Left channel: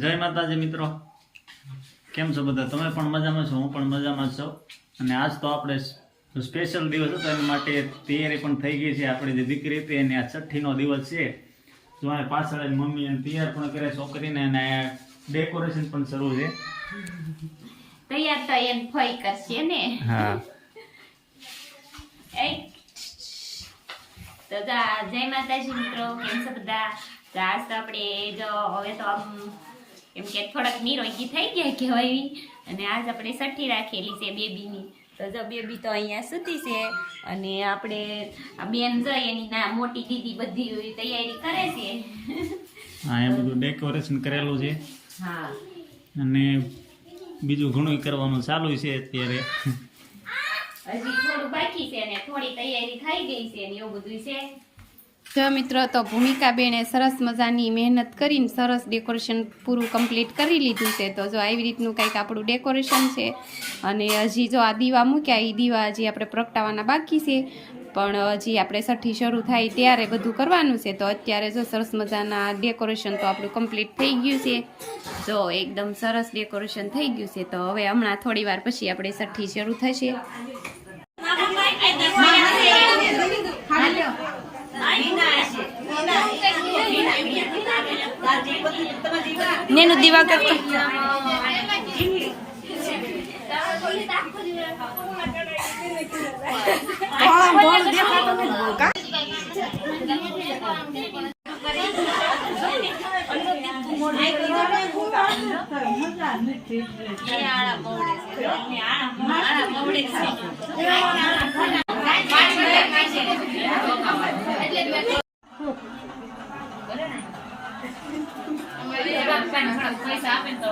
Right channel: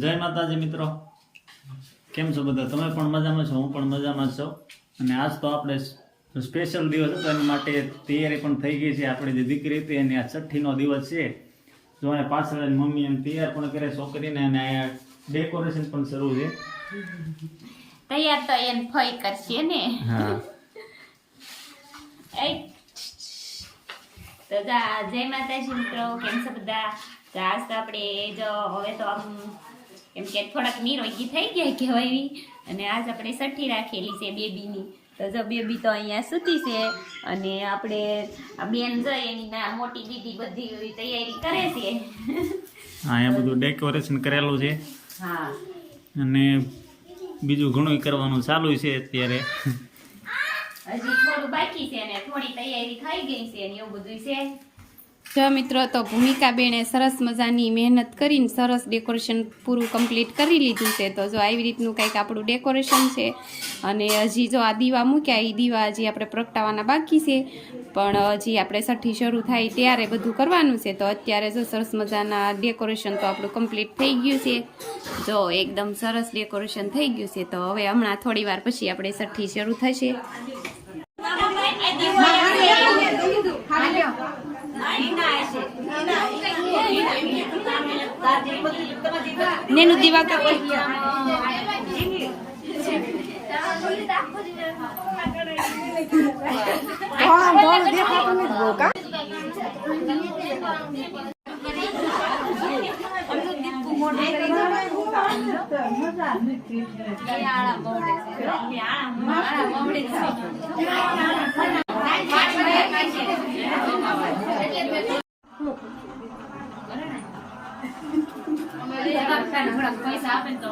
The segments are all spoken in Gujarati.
જય માતાજી મિત્રો, કેમ છો બધા? તમે પણ મજામાં છો, હું પણ મજામાં છું. અને આજ તો આપણે સ્પેશિયલ દિવસ હતો, એના માટે તૈયારી પણ થઈ ગઈ છે. આપણે જે દીકરી હતી એની આ 6ઠ્ઠીનો દિવસ છે. જો આ પાછળ મમ્મી એને તૈયાર પણ કરે છોકરીને, અને ડેકોરેશન પણ શરૂ છે. તૈયાર તો એને ફઈ કરશે ને. હા તો જય માતાજી મિત્રો, કેમ છો બધા? તો આજ તો આપણે જો હવે તો આમ એમ કે થોડાક નિરોગી થઈ ગયા કહેવાય, અને આજ આપણે 6ઠ્ઠી રાખેલી છે બેબીની. તો જો બેબી તો અહીંયા સૂતી છે, અને આપણે આ બેન જઈ એની મોટી દીદી બધી તૈયારી કરે છે. હા, અહીંયા બધું ડેકોરેશન કરેલું છે. હા, અને બીજું ઘણું કરવાનું ચાલુ છે અત્યારે. હજી થોડું બાકી છે ને થોડી તૈયારી થઈ ગઈ છે ને એવું બધું છે. જો મિત્રો, તો ભૂમિકાબેને સરસ મજાની મહેનત કરીને સરસ ડેકોરેશન પૂરું કમ્પ્લીટ કરી લીધું છે. તો જો આવી રીતનું કંઈક આપણું ડેકોરેશન છે. અને હજી જો આ દીવા મૂક્યા, એ દીવા હજી આપણે પ્રગટાવવાના બાકી છે, પણ હજી આપણે 6ઠ્ઠી શરૂ થાય ત્યારે બધું કરવાનું છે. તો અત્યારે જો સરસ મજાના ડેકોરેશન તો આપણું કમ્પ્લીટ થઈ ગયું છે. જો એકદમ સરસ ડેકોરેશન થઈ ગયું છે. તો હવે હમણાં થોડી વાર પછી આપણે 6ઠ્ઠી શરૂ થશે. નેનું દીવા કરતો પૈસા આપે તો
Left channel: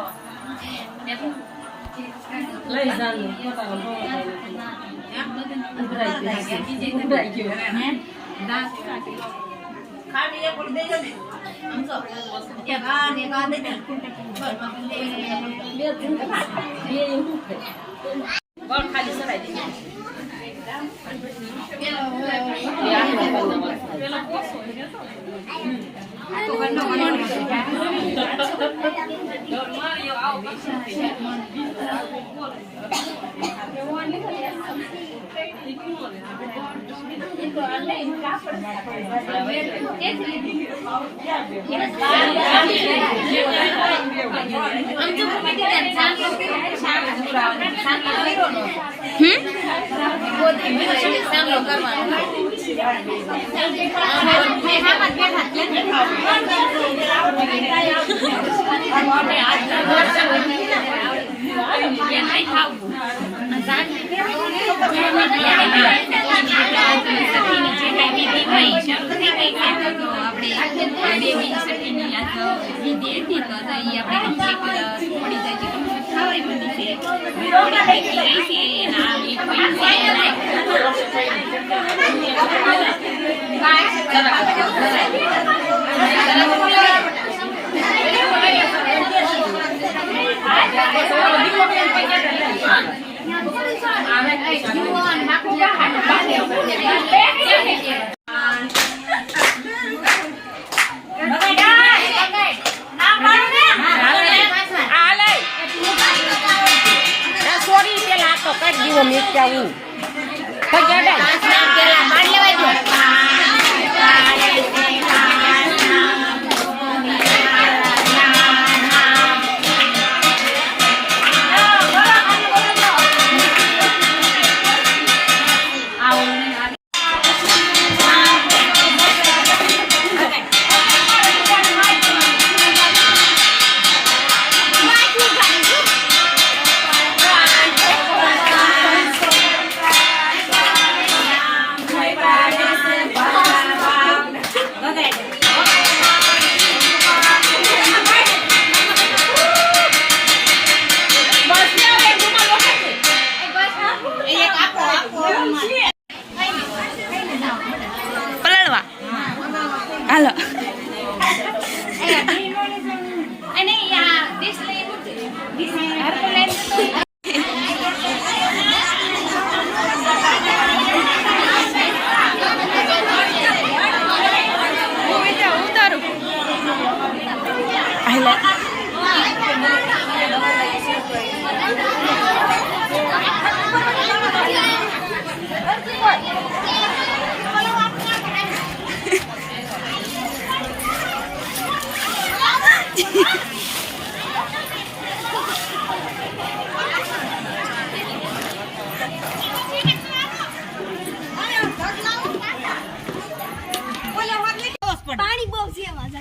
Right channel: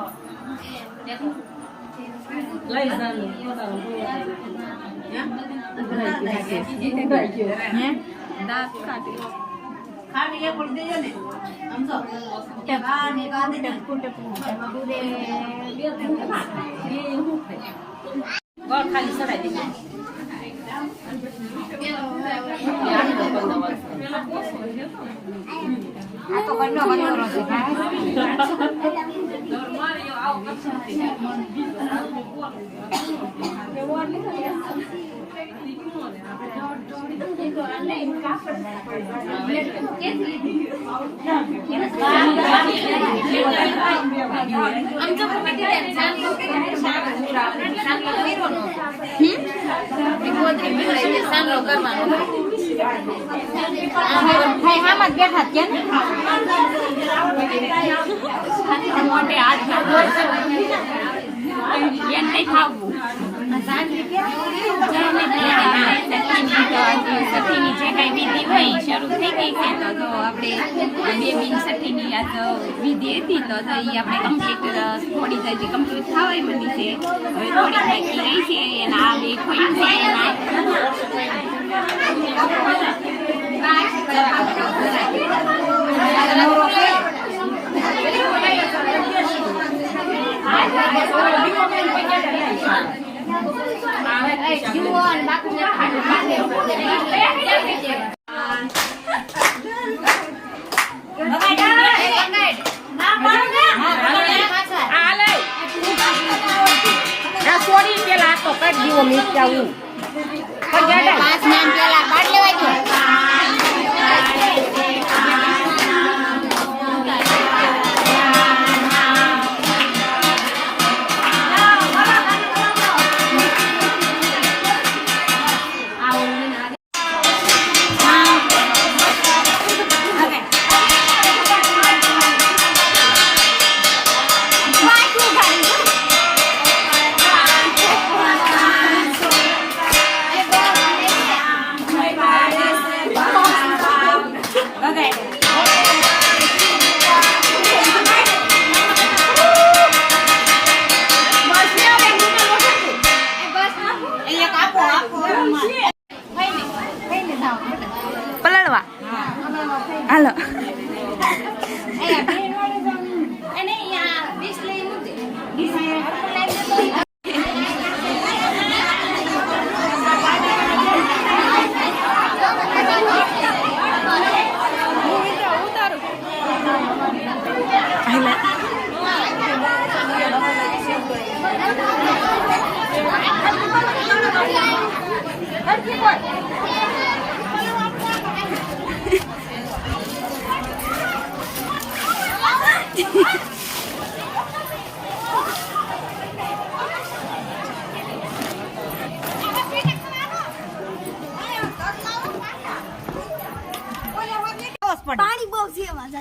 પાણી બહુ છે એમાં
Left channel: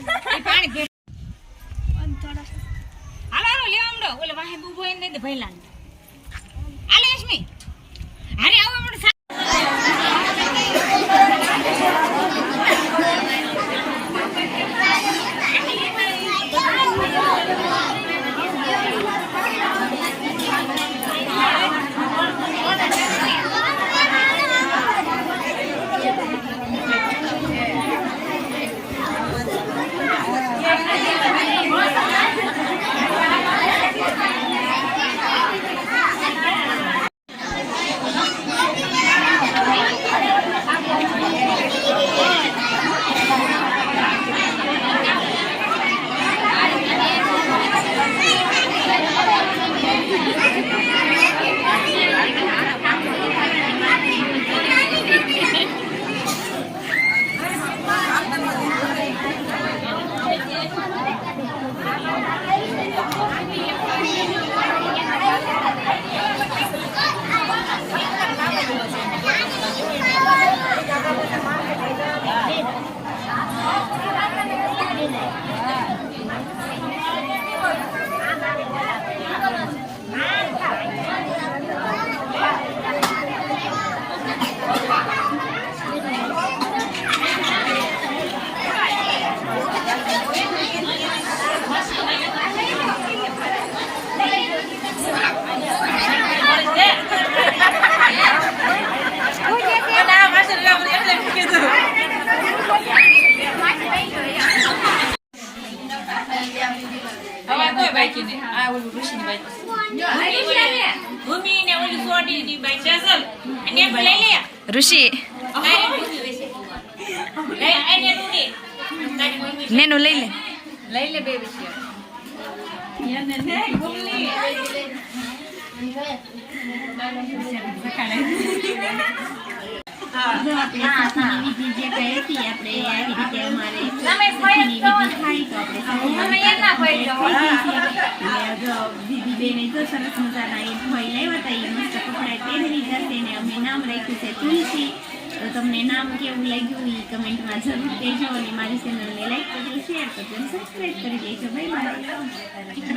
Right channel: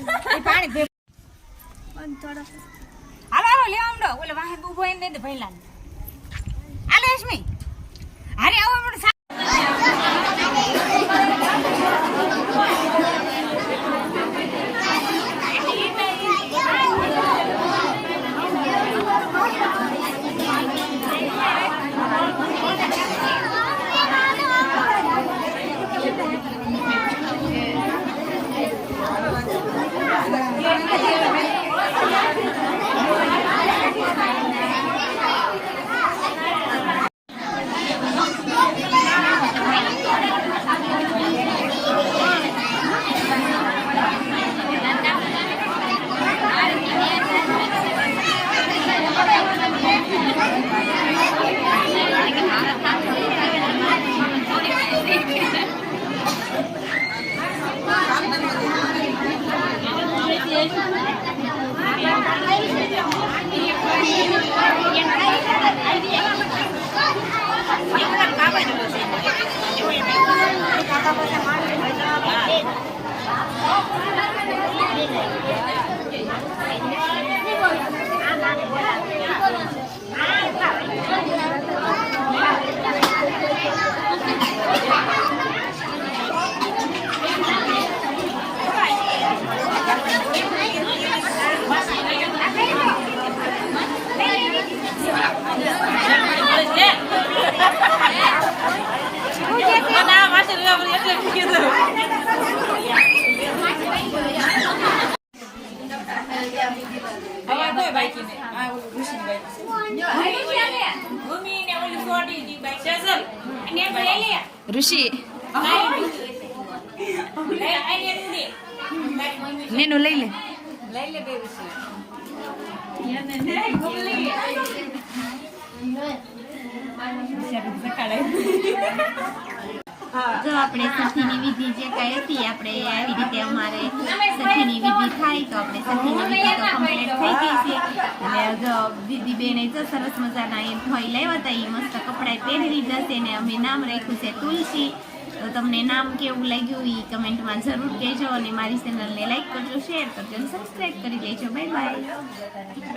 પાણી અને થોડો હાલો હાલો લેવા માંડો ઓલે વાહે ઉભો એને દે ભઈલાને હાલો એસ્મી હારે આવો આપણે ઋષિ નેનો લઈ લે બે વિષય જો આપણે સખીની વિધિ જે કઈ હતી આપણે આવી રીતે અમારે સખીની વિધિ થાય તો આપણે સખીની વિધિ તો complete થઈ ગઈ છે અને જો દીદી બેને જો સરસ મજાના એ ભોઈ લાવ્યા હતા એ મસ્ત કપડાં પહેરી લીધા છે ને અમે નામ રાખ્યું છે તુલસી. તો તમને નામ કેવું લાગ્યું એ કમેન્ટમાં જરૂર કહેજો અને મારી ચેનલને લાઈક કરજો, શેર કરજો અને સબસ્ક્રાઈબ કરી દેજો. Bye bye.